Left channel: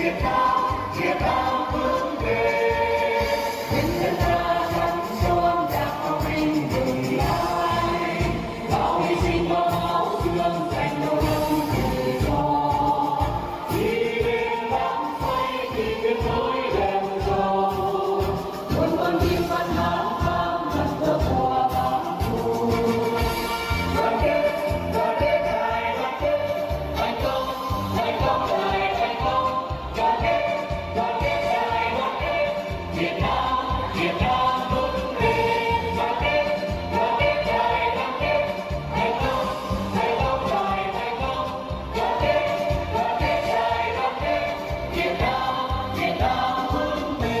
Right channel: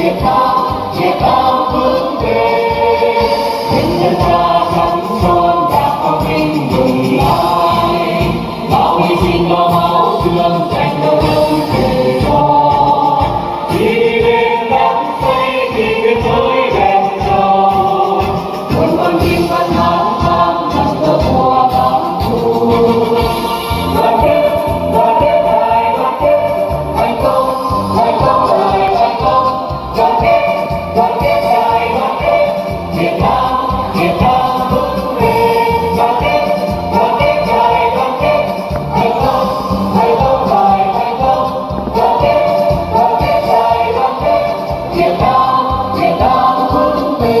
Việt Nam vững bền, tình nhân ta gắn son đã có mình mừng ai, bao hy sinh lo máu xương dành đau đớn tự do. Đi lên đắm say thì biên giới đèn dầu, muôn con tim vẫn hát vang nằm tơ mùa bão thu. Đoàn kết hai, đoàn kết thành công đời thành công. Đoàn kết hai, đoàn kết Việt Nam vững bền. Đoàn kết hai, đoàn kết thành công đời thành công. Đoàn kết hai, đoàn kết Việt Nam vững bền.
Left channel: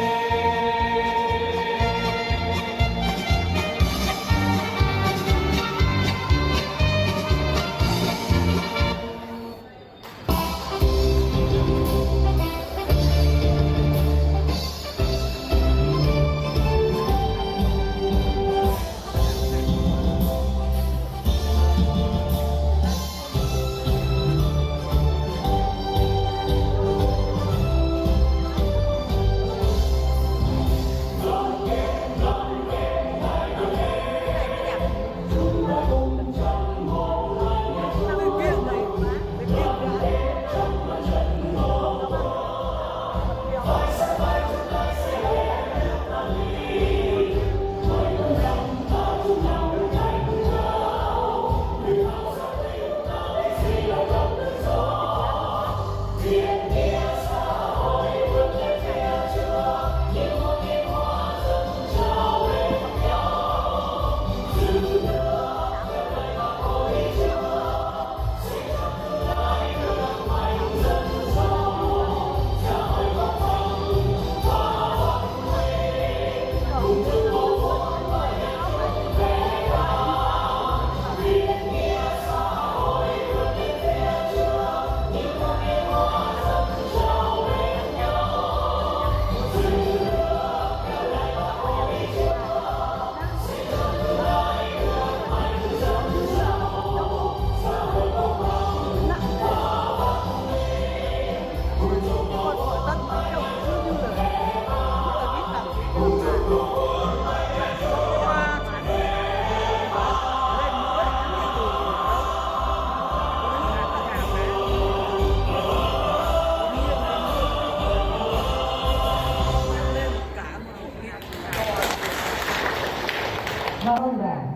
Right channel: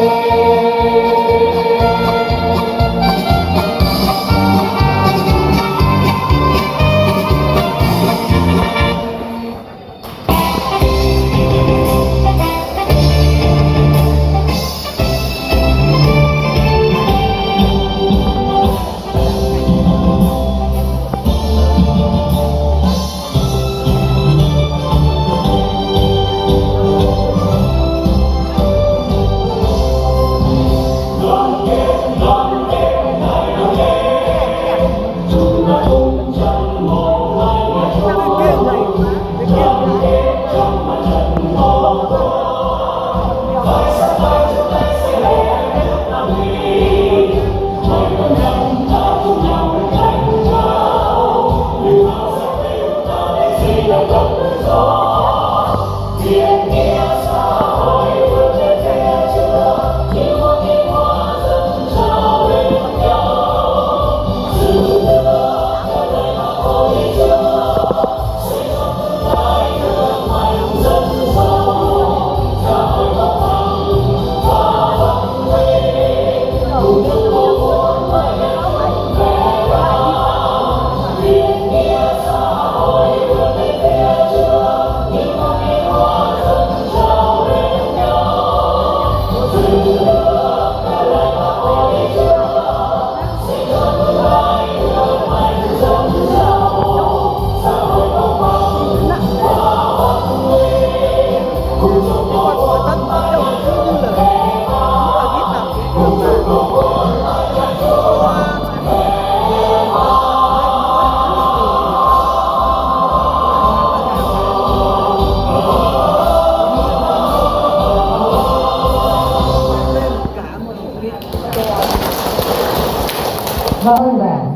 Cảm ơn bạn.